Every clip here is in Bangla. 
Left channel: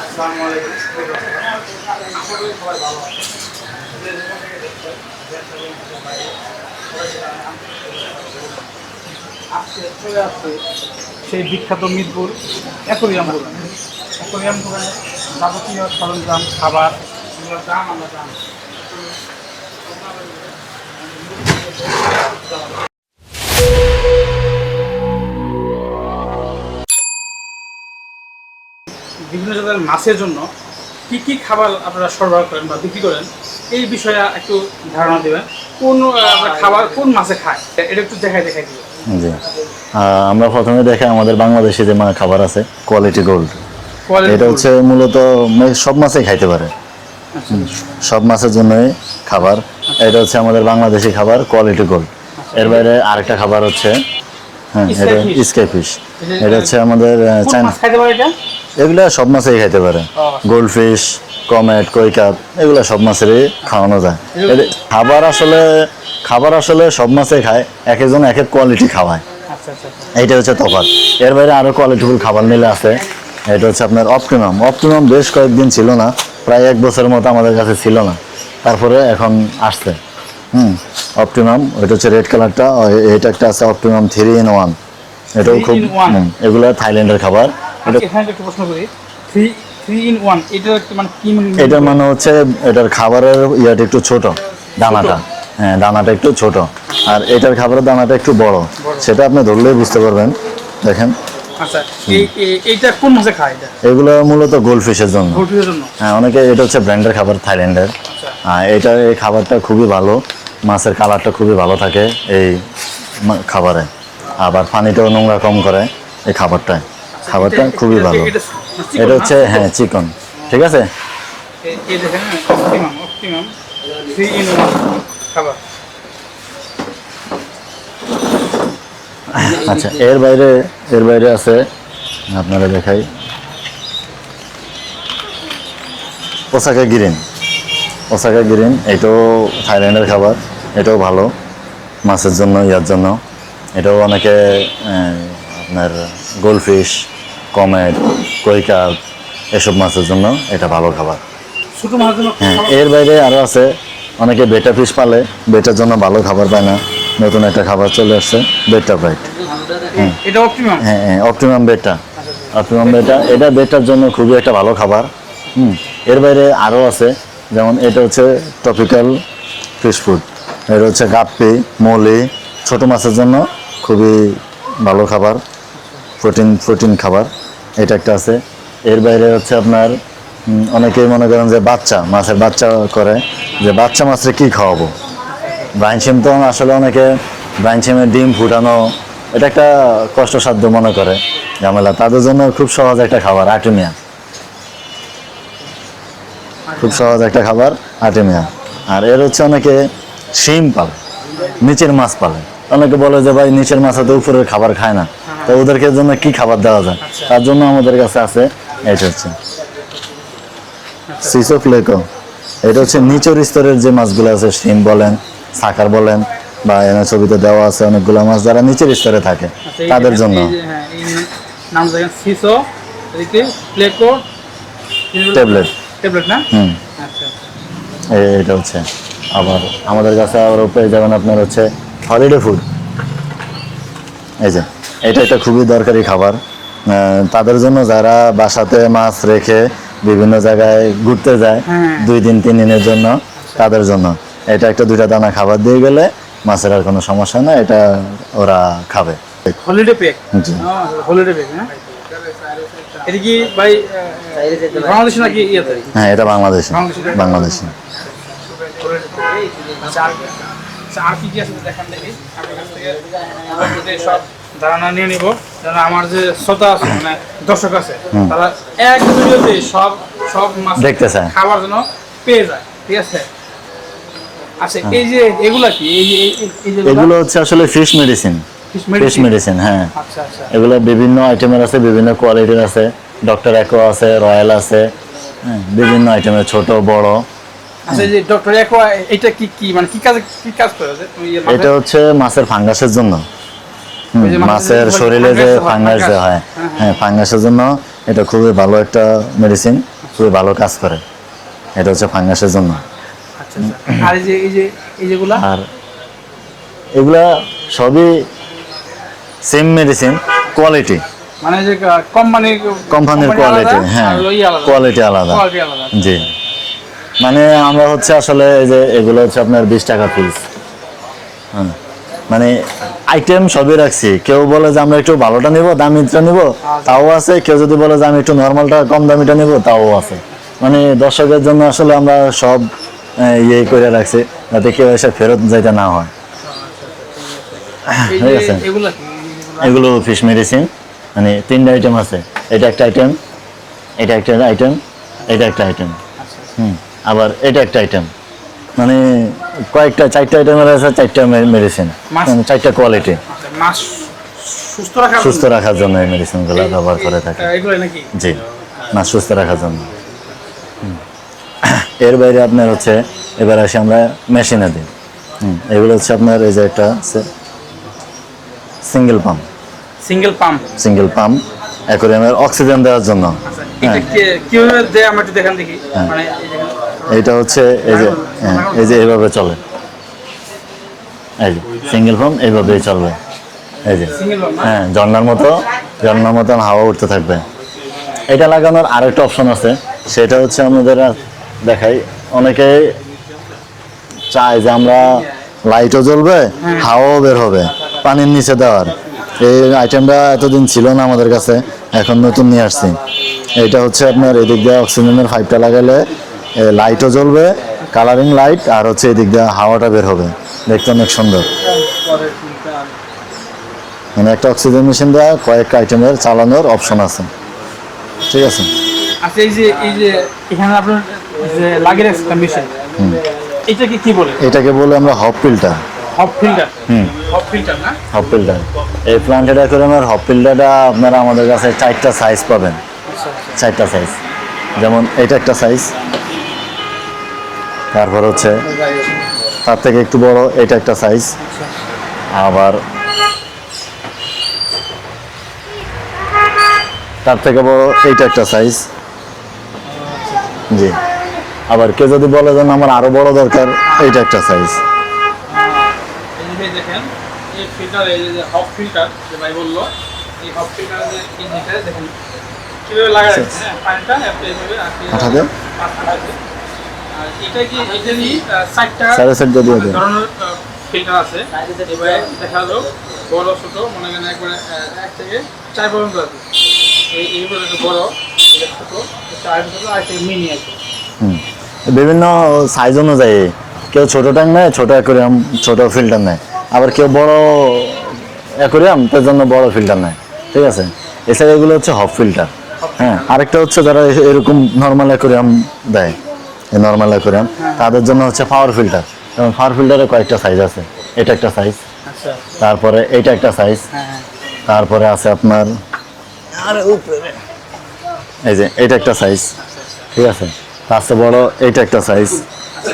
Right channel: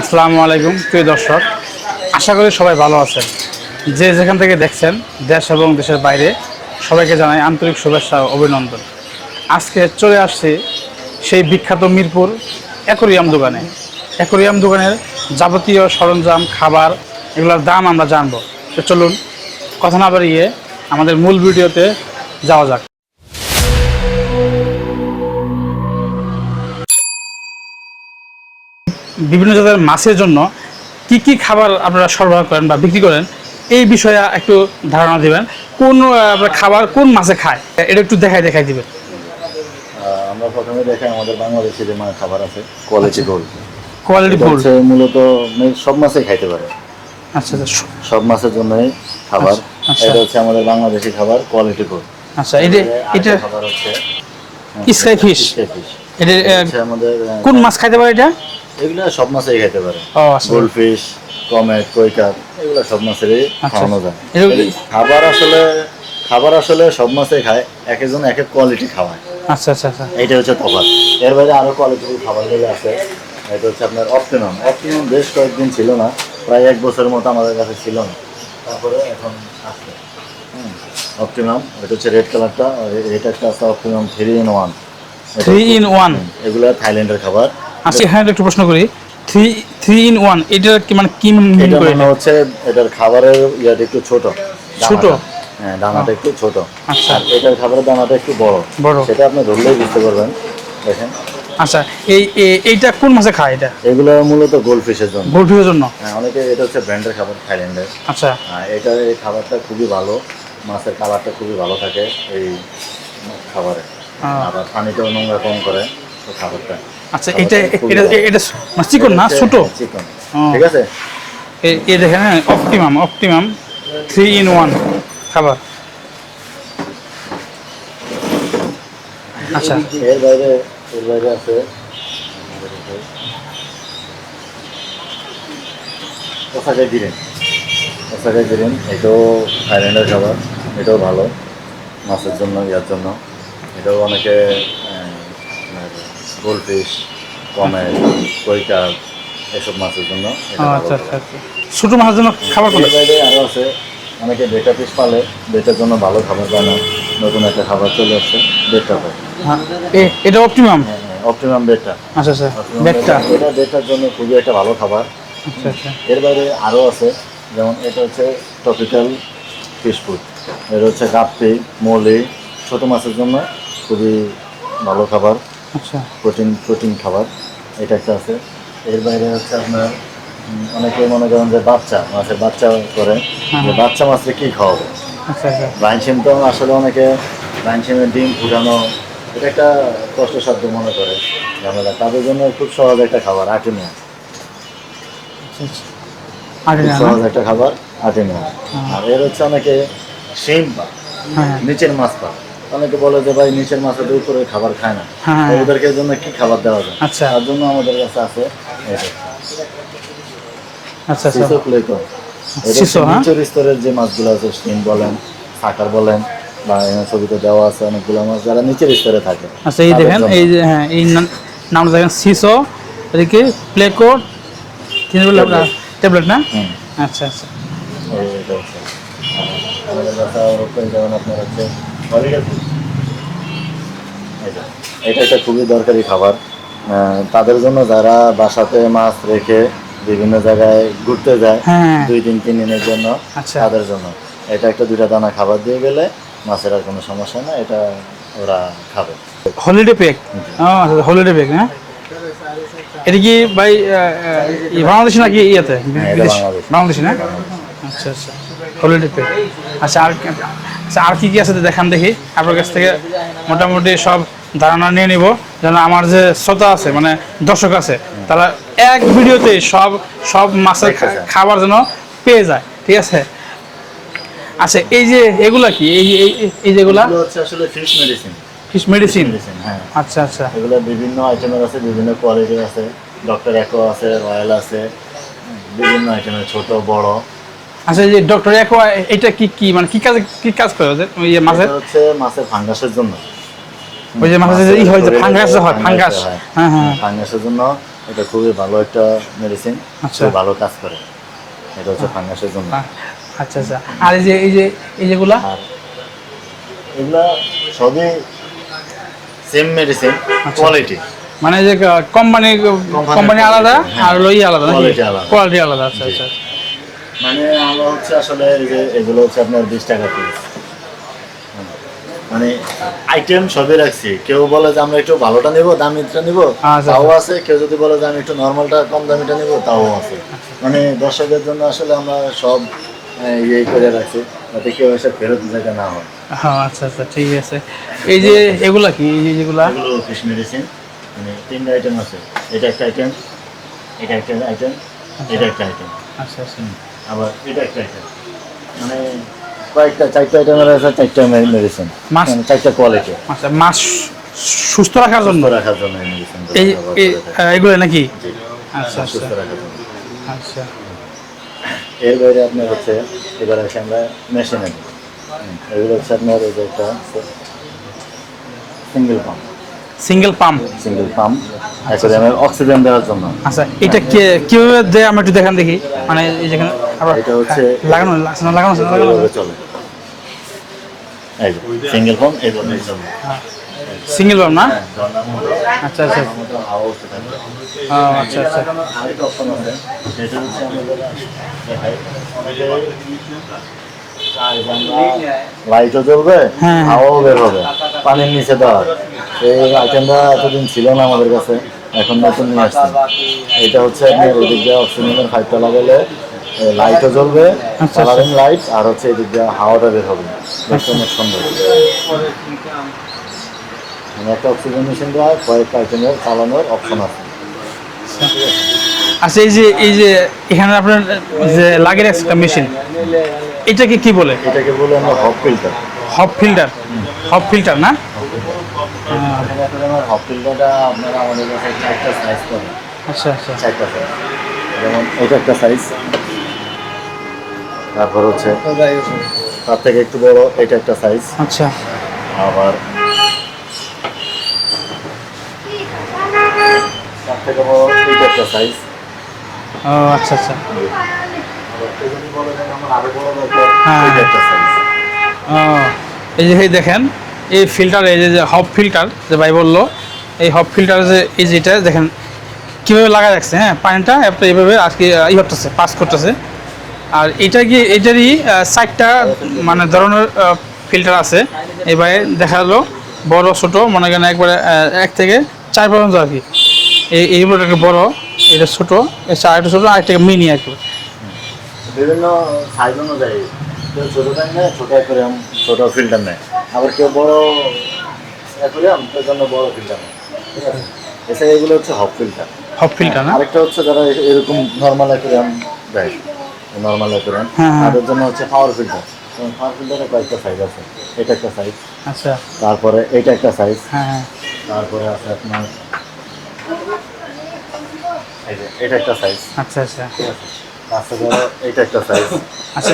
আসসালামু আলাইকুম, প্রিয় দর্শক। আশা করি সবাই ভালো আছেন। যে যেখান থেকে দেখছেন, দেশ এবং দেশের বাইরে, সবাইকে জানাই আন্তরিক শুভেচ্ছা অভিনন্দন। আজকে চলে আসছে সেই বিখ্যাত মিরপুর অ্যাকোরিয়াম দোকানে। অ্যাকোরিয়াম দোকানের যাবতীয় সরঞ্জাম, খাবার, এগুলোর দাম আমরা জানব। তো চলুন, কথা না বাড়িয়ে আমাদের মূল ভিডিওতে যাওয়া যাক। বিভিন্ন জাতের মাছের জন্য কি কি খাবার আপনারা সরবরাহ করেন বা বিক্রি করেন এই বিষয়ে একটু ধারণা দিবেন। কোন খাবার কোন মাছে খায় এটা একটু দেখাই দেখাই দিবেন। আমরা প্রথমে দেখাই আমাদের বাংলাদেশে যে মানে খাবার আছে কোয়ালিটি গোল্ড কোয়ালিটি হচ্ছে মূলত সব মাছই খাইতে পারে। আচ্ছা আচ্ছা। সব মাছের জন্যই খাবার। আচ্ছা। এটা হচ্ছে আমাদের বাংলাদেশি খাবার কোয়ালিটি গোল্ড আচ্ছা আরেকটা খাবার হচ্ছে হ্যাঁ, Sky fish? Sky fish. এটা হচ্ছে আমাদের কোন মাছ খাইতে পারে এটা? এগুলা সব মাছই খাইতে পারে। ও, আচ্ছা। গোল্ড ফিশ কমেট কৈকাপ এগুলা সব মাছেরই খাওয়ানো যায়। খাবার আসলে খাবার আসলে সব মাছে খায় এক একজন এক এক কোয়ালিটি খাওয়ায়। আচ্ছা আচ্ছা আচ্ছা। এইটা হচ্ছে তফাৎ। এর বাইরে আরও কোয়ালিটিফুল খাবার নিলে আছে এটা হচ্ছে আপনার অপটিমাম অপটিমাম বেশ কয়েকদিন ছিল না প্রায় এক বছরের মতো আমাদের কাছে ছিল না। তারপরে এখন আসছে। হুম অপটিমাম ওইটা হচ্ছে রেড কালারটা এটা একটা আছে optimum three in one Three in one? এগুলো থাইল্যান্ডের খাবার। আচ্ছা এখানে একটু প্রশ্ন করি। থ্রি থ্রি ইন ওয়ান এটা কি মানে কি এটা? মনে হচ্ছে এটার খাবারের ইয়াটা একটু ছোট দানাটা। হ্যাঁ দানাটা একটু ছোট। আর এটার খাবারের দানাটা একটু বড়। সেটা আপনি ধরলেই বুঝতে পারবেন। দেখেন। আচ্ছা এই এই- এইটা কোন মাছে খায় এটা? এগুলো মূলত গোল্ড জন্য। গোলফিশের জন্য? হ্যাঁ অনেকে এটা হচ্ছে ব্র্যান্ডের খাবার থাইল্যান্ডের। আচ্ছা। আর এটা এই খাবারটা খুবই ভালো। মাছের কালারটা খুবই ভালো থাকে এই খাবারে। আবার পানিটাও নোংরা কম করে এই খাবারটায়। আচ্ছা এটা এটা চিকন না ছোট? হ্যাঁ চিকন। ঠিক আছে? এই দেখেন optimum optimum three in one খাবার। আচ্ছা এর বাইরে এর বাইরে আছে আপনারা দেখাই। ওসাকা গিরিন। ওসাকা গিরিন এটাও থাইল্যান্ডের খাবার এটাও ভালো মাছের জন্য ইয়ার জন্য। এটাও অনেকে আপনার গোলফিশ কমেট কৈকা এসব মাছের জন্য এটা ভালো আচ্ছা, খাবার। আচ্ছা। ছোট মাছের জন্য এর বাইরে আরও আছে অনেকে বেটা ফিশ পালে বেটার জন্য ভালো খাবার পায় না। নতুন একটা খাবার চলে আসছে বেটা ফ্রাইট এটা অপটিমাম হ্যাঁ হ্যাঁ অপটিমাম বেটা। আচ্ছা আচ্ছা। অপটিমাম বেটা এটা বেটার জন্য খুবই একটা ভালো খাবার। এর বাইরে আরও আছে যেমন এটা হচ্ছে টপিক্যাল ফিশ ফুড এটা হচ্ছে গাপ্পি মলি ছোট মাছের জন্য খুবই ভালো খাবার। আচ্ছা প্রোটিন প্রোটিন খাবার এটা একটা আছে। এর বাইরে হচ্ছে আপনার অনেকেই মনে করেন যে বাচ্চা মাছের বাচ্চা করে যে বাচ্চা মাছের কি খাওয়াবো? আচ্ছা আচ্ছা। ব্রাইন সিম তো আসলে অনেকে ব্রাইন সিমের ডিম ফুটানো এটা একটা কষ্টসাধ্য মনে করে ঝামেলা। তাদের জন্য খুব সহজ একটা খাবার আর্টিমিয়া। আগে খুব সহজ একটা খাবার আর্টিমিয়া। আর এর হচ্ছে অনেকে শিম পালে হ্যাঁ। নিচের মাছ পালে। অনেকে বলে যে ভাই নিচের মাছ তো উপরের খাবার খায় না। হ্যাঁ। তো ওদেরকে জন্য কি খাবার দেওয়া যায়? আচ্ছা। তার জন্য আমাদের কাছে আছে এটা হচ্ছে আচ্ছা আচ্ছা। সিসো ফ্লেকো এটা হচ্ছে হ্যাঁ? নিচের স্তরের যে মাছগুলো আছে শিম বলেন সাকার বলেন বা ছবিতে দেওয়া আছে অনেকগুলো মাছ যারা নিচের স্তরে থাকে এই তাদের জন্য। এই যে হ্যাঁ এই নাম- দেখেন সিসো এদিকে প্লেকো ট্যাবলেট। না? আচ্ছা আচ্ছা। এটা হচ্ছে আবার আমাদের কাছে আবার পেয়ে যাবেন আপনার হচ্ছে হলিডে ফুড। এই যে এটা একটা খুবই দরকারি খাবার। তাদের জন্য যারা বাসাতে মাছ রেখে বিভিন্ন জায়গায় ঘুরতে যায় হ্যাঁ। দুই দিন তিন দিনের জন্য আচ্ছা। তাদের জন্য। এটা একটা দুইটা দানা খাবার দিয়ে গেলে মাছের আর কোনো সমস্যা না এটা ওরা খাবে। হলিডে প্যাক হলিডে প্যাক হ্যাঁ? এটা কি ভাই বাংলাদেশি নাকি ইয়েতে? হ্যাঁ এটা বাংলাদেশ। বাংলাদেশি বাংলাদেশি। আচ্ছা আচ্ছা। হলিডে প্যাক আচ্ছা আর আর কি কি আছে দেখান দেখি। আপনার কাছ থেকে মোটামুটি সব ধারণা নিয়ে নিব। যেন আমার যে শ্রোতা আছে মানে দর্শক আছে তারা এক ভিডিওতে সব সব মাছের খাবার যেন পেয়ে যায়। ঠিক আছে? আচ্ছা এই যে এগুলা কি? এই এই- যেগুলা? হচ্ছে আসলে ফিশ মেডিসিন ফিশ মেডিসিন হ্যাঁ। আচ্ছা আচ্ছা। এগুলো বিভিন্ন আইটেমের আছে বিভিন্ন কোয়ালিটির আছে। ডক্টর একো আছে রয়্যাল আছে হ্যাঁ, বিভিন্ন আইটেমের ছোট বড়। আচ্ছা এই ডক্টর একোয়া এটা কি কি মানে কি কাজ কি কাজ করে ওদের ওই মাছের এটা হচ্ছে মাছের ফাঙ্গাসের জন্য ওই যে মাছের মাছের ই হয়, শরীরে ফাঙ্গাস হয়, ফাঙ্গাস ফাঙ্গাস। যে হয় হ্যাঁ, হ্যাঁ। হ্যাঁ ফাঙ্গাসের জন্য এটা খুবই ভালো একটা মেডিসিন আচ্ছা। খুবই ভালো কাজ করে এটা হচ্ছে ফাঙ্গাসের জন্য আচ্ছা আচ্ছা আর এই যে এই যে এই যেগুলা আর এগুলা সবই সেম মেডিসিন কোয়ালিটি মানে যে কোম্পানি কোম্পানি আলাদা হ্যাঁ। আর ওই আলাদা Quality আলাদা। কোয়ালিটি আলাদা আচ্ছা, জি আচ্ছা। মানে আমরা হচ্ছে আসলে এই যে এগুলো হচ্ছে আপনার বিশ টাকা পিস মানে আইটেম সবই রাখছি। কেউ বলে যে আমরা একটু ভালোটা নিব দামিটা নিব আচ্ছা। তাও আছে। কেউ যদি বলে যে আমি একটু নর্মালটা কম দামিটা নিব তাও আছে। মানে দর্শকের জন্য আসলে আমরা সব ইয়ে করে রাখছি যাতে কেউ এসে ফেরত যাইতে না হয়। হ্যাঁ আচ্ছা আচ্ছা ঠিক আছে। এই যে এগুলা কি? এগুলো? ফিশ মেডিসিন মানে তিনটা আইটেম আছে। এটা একটা আইটেম এটা একটা আইটেম এটা একটা আইটেম আচ্ছা আচ্ছা। হুম। আবার এটা একটা আইটেম মানে কয়েকটা চারটা আইটেম আছে চারটা মেডিসিন মাছ- চারটা কোয়ালিটি আচ্ছা মাছ সুস্থ রাখার সুস্থ রাখার জন্য এই মেডিসিনগুলো ব্যবহার করে থাকে। এগুলো নাকি? জি। আচ্ছা, মাছ সুস্থ রাখার জন্য। আচ্ছা। এর বাইরে আপনার হচ্ছে এবার আসি আমরা মেশিনে দিই। এগুলো হচ্ছে আপনার এই যে একটা single pump single pump single pump অ্যাকোরিয়ামের oxygen দেওয়ার জন্য। আচ্ছা এটা কে- কীভাবে দেয়? একটু দেখান দেখি। মানে এই যেখানে এটা হচ্ছে এই যে লাগানো- লাগানো- লাগানো- এই যে এইভাবে চলে। এই যে সিঙ্গেল এইভাবেই চলবে। এই যে। সিঙ্গেল না? হ্যাঁ ঝর্ণার মতো আচ্ছা। ঝর্ণার মতো হাওয়া উঠতে থাকবে। এটা লাগানোর আরেকটা অপশন আছে। সেটা হচ্ছে আমাদের দেখাই। অনেকে চায় যে আমরা লাইটও জ্বলবে হ্যাঁ। হাওয়াও বের হবে পানির নিচে দেওয়ার। এই আইটেমটা এতদিন ছিল না আমাদের কাছে এখন নতুন নিয়ে আসছি। এটা হচ্ছে আপনার এদিক দিয়ে অক্সিজেনের পাইপটা লাগালে লাইটও জ্বলবে কালারিং লাইট আর হচ্ছে এদিক দিয়ে হাওয়াটা বের হবে। দেখতে অনেক সুন্দর। মানে একটা অক্সিজেন মেশিন দেওয়া কয়েকটা আইটেমের চালানোর অপশন আছে। ঠিক আছে? আচ্ছা এই যে এই যে এখানে আপনার যে লাগিয়ে রাখছে একটা মেশিন এটাকে কি বলে? এটাকে বলে আমরা hop filter hop filter hmm. Hop filter না? হপ ফিল্টার এই প্লান্টেড হপ ফিল্টারটা আপনারা আমাদের কাছে চারটা সাইজ পাবেন। আচ্ছা আচ্ছা। চারটা সাইজ যেমন এটা একটা সাইজ তারপর হচ্ছে তার থেকে একটু বড় এটা একটা সাইজ আচ্ছা। আবার তার থেকে বড় এইটা একটা সাইজ আচ্ছা আচ্ছা। জি। আবার কেউ যদি বলে যে আমার আরও বড় দরকার হ্যাঁ। এইটা একটা সাইজ এই যে এই দেখেন এই ফিল্টার এই যে হপ ফিল্টার যে ভাই বলল এই হপ ফিল্টার যে এই যেটা দেখেন কীভাবে লাগা রাখছে হ্যাঁ পানিটা এইভাবে আজকে ই করতেছে। পাস করতেছে। আর এটা কি এটারই চারটা চারটা দিয়ে মানে ধরনের ফিল্টার আছে। এবারে দেখা গেলো বড় ছোট মনে করেন একবারে এক থেকে চার পর্যন্ত আর কি। এই এইগুলো একটা বড় এটা ছোট এটা আরেকটা ছোট আরেকটা মিনি আর কি। হুম। বিভিন্ন সাইজ অনুযায়ী কেউ ছোট ট্যাঙ্ক নেয় ছোট অ্যাকোরিয়াম ছোট ফিল্টার নেয়। আবার কেউ বড় অ্যাকোরিয়াম তার জন্য বড় ফিল্টার নেয়। ঠিক আছে? এছাড়া এগুলো হচ্ছে হপ ফিল্টার। হপ ফিল্টার আরেকটা হচ্ছে যারা এরকম নর্মাল অ্যাকোরিয়াম দেয় নর্মাল অ্যাকোরিয়াম হ্যাঁ, হ্যাঁ। তাদের জন্য হচ্ছে পাওয়ার ফিল্টার এবং পাওয়ার ফিল্টারে কয়েকটা সাইজ আছে। এটা একটা সাইজ আচ্ছা। তারপরে এইটা একটা সাইজ হ্যাঁ হ্যাঁ। তারপরে আছে আপনার এই যে এটা একটা সাইজ আচ্ছা আচ্ছা। ঠিক আছে? তার বড় এইটা একটা সাইজ আচ্ছা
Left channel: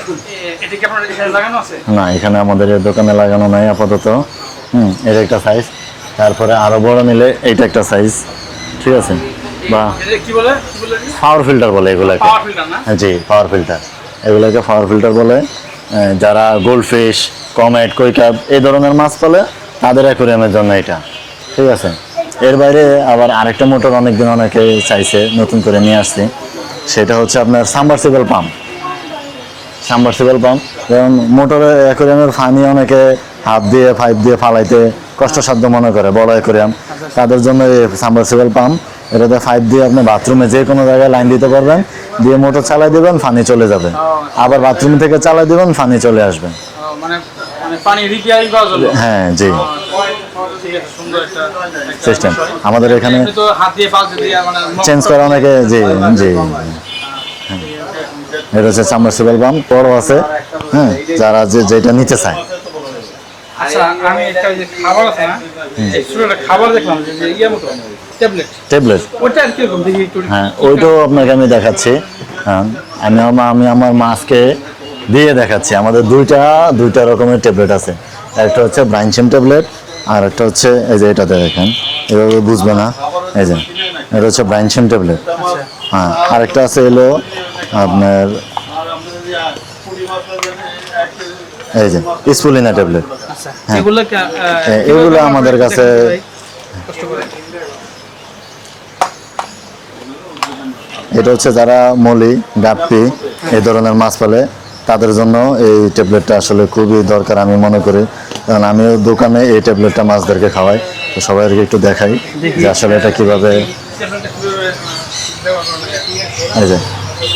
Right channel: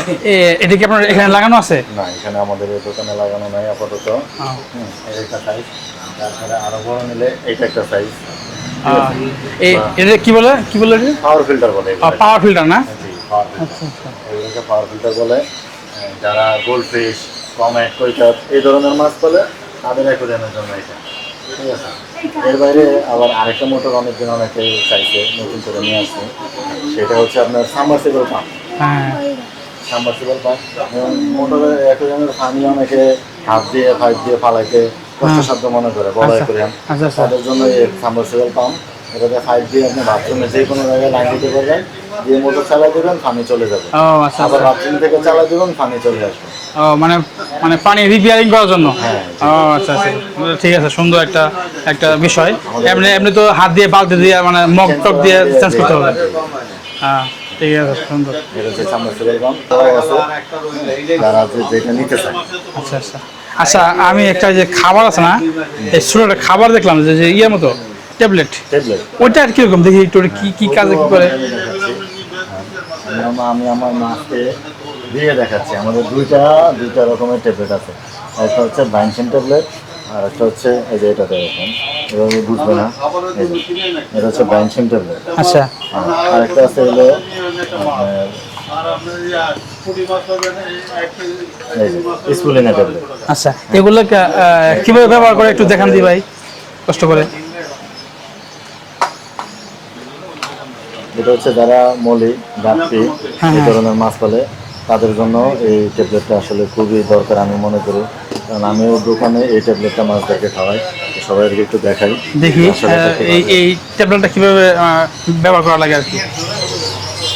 এটা কি আপনার এখানে লাগানো আছে? না এখানে আমাদের দোকানে লাগানো নাই আপাতত। হুম এটা একটা সাইজ তারপরে আরও বড় নিলে এইটা একটা সাইজ ঠিক আছে? এটা কি বলে? কি বলে পাওয়ার ফিল্টার বলে এগুলোকে। পাওয়ার ফিল্টার না? জি পাওয়ার ফিল্টার এগুলোকে পাওয়ার ফিল্টার বলে। যারা গোল্ড ফিশ কমেট কৈকাব এই ধরনের মাছ পালে তাদের অ্যাকোরিয়ামের জন্য এটা। ঠিক আছে? এর বাইরে আবার আরেকটা মোটর অনেকদিন অনেকে চাইছে নতুন করে নিয়ে আসছি। সেটা হচ্ছে আপনার সাবমার্সিবল পাম্প হ্যাঁ। সাবমার্সিবল পাম্প যেমন মোটরে অ্যাকোরিয়ামের ফানি অনেকে হাত দিয়ে পাইপ দিয়ে ফালাইতে কষ্টসাধ্য মনে করে বড় অ্যাকোরিয়াম আচ্ছা, আচ্ছা। তাদের জন্য এই সাবমার্সিবল পাম্প এটাতে পাইপ দিয়ে আপনি বাথরুমে যে কোনো জায়গায় লাইন দিতে পারবেন দিয়ে মোটর চালাই দেবেন ফানি চলে যাবে। আচ্ছা, আবার বাথরুম থেকে চালাই দেবেন ফানি চলে আসবে। মানে মানে পানি রিপেয়ারিং করার জন্য। হ্যাঁ, জি। আচ্ছা আচ্ছা। ঠিক আছে সুন্দর একটা একটা বিষয়। আমাদের এমনি এখানে- এমনি তো হাত দিয়ে বালতি দিয়ে মানে মগ চেঞ্জ দিয়ে চেঞ্জ জি হ্যাঁ। এটা হচ্ছে সাবমার্সিবল পাম্প বড় আছে। হ্যাঁ যারা যে যেটা নিতে চায়। আচ্ছা আচ্ছা। আচ্ছা আমি একটা যে খাবার আছে না এই শুনে একটা খাবার দেখলাম যে যে ইয়ের মতো ট্যাবলেট। ট্যাবলেট। ওটা আর কীরকম? দেখি একটু হ্যাঁ কি কি কাজে ওইটাও কি করে? আমি দেখাচ্ছি। হ্যাঁ আমি আমার আমি আমার মাছকে দিয়ে দেখাচ্ছি। আমাদের দুইটা দুইটা রকমের ট্যাবলেট আছে। একটা হচ্ছে ব্রাইনসিম ট্যাবলেট আর একটা হচ্ছে এই যে এটাতে দেখেন। এভাবে বুঝবে না। এই যে এটা হচ্ছে ব্রাইনসেন ট্যাবলেট। আচ্ছা। হ্যাঁ আরেকটা আছে হলো আপনার এই যে স্পুলিনা ট্যাবলেট। আচ্ছা এগুলো হ্যাঁ, কীভাবে ব্যবহার করে একটু দেখান দি ভাই কষ্ট করে। এটা হচ্ছে যারা মলি গাপ্পি এই ধরনের মাছ পালে তাদের জন্য এই ট্যাবলেটটা আসলে খুবই দরকার আমি মনে করি। কারণ আমিও দোকানে এই ট্যাবলেটটা মাছদেরকে খাওয়াই তো সবাই একটু দেখাই আসলে এটা কীভাবে এই ট্যাবলেটটা কীভাবে ব্যবহার করা লাগে আর কি।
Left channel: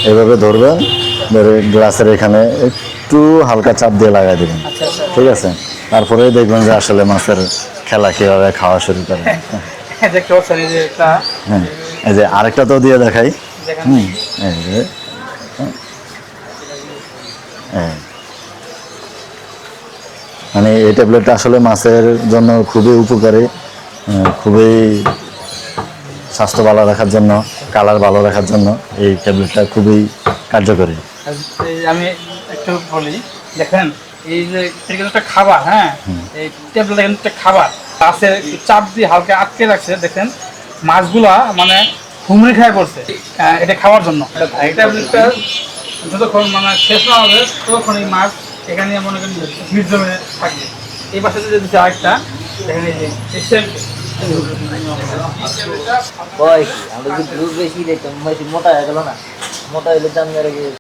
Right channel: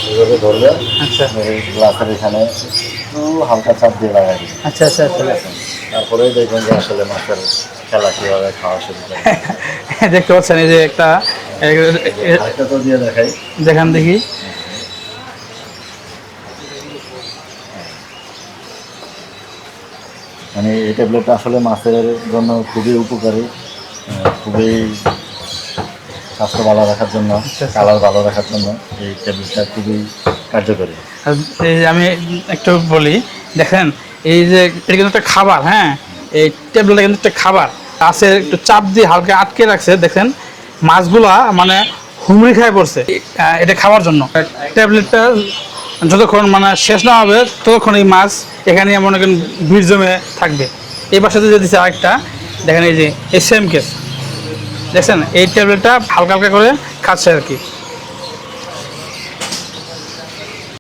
এই ধরবেন ধরে গ্লাসের এখানে একটু হালকা চাপ দিয়ে লাগাই দেবেন। আচ্ছা আচ্ছা ঠিক আছে? তারপরে দেখবেন যে আসলে মাছের খেলা কীভাবে খাওয়া শুরু করে। দেখতে পাচ্ছেন এই যে একটা এই যে আরেকটা তো দিয়ে দেখাই। দেখান দেখি। মানে এই ট্যাবলেটটা আসলে মাছের জন্য খুবই উপকারী খুবই স্বাস্থ্য ভালো রাখার জন্য কালার ভালো রাখার জন্য এই ট্যাবলেটটা খুবই কার্যকরী। এই আমি একটু বলি দেখেন এই যে এটা কিন্তু একটা খাবার হ্যাঁ এই ট্যাবলেটটা কিন্তু একটা খাবার। পাশে একটু চাপ দিয়ে হালকা আটকে রাখছে দেখেন মাছগুলা মানে হুমড়ি খায় পড়ছে এটা খাওয়ার জন্য। ট্যাবলেটটা যতক্ষণ মানে শেষ না হবে ততক্ষণ এই মাছ এখানে মনে করেন ভিড় জমে থাকবে। এই পাশে যে দিচ্ছে আরেকটা, দেখেন এই যে এই সেম কেস। দেখছেন? এই ট্যাবলেটটা হালকা হালকা করে খাচ্ছে আর কি।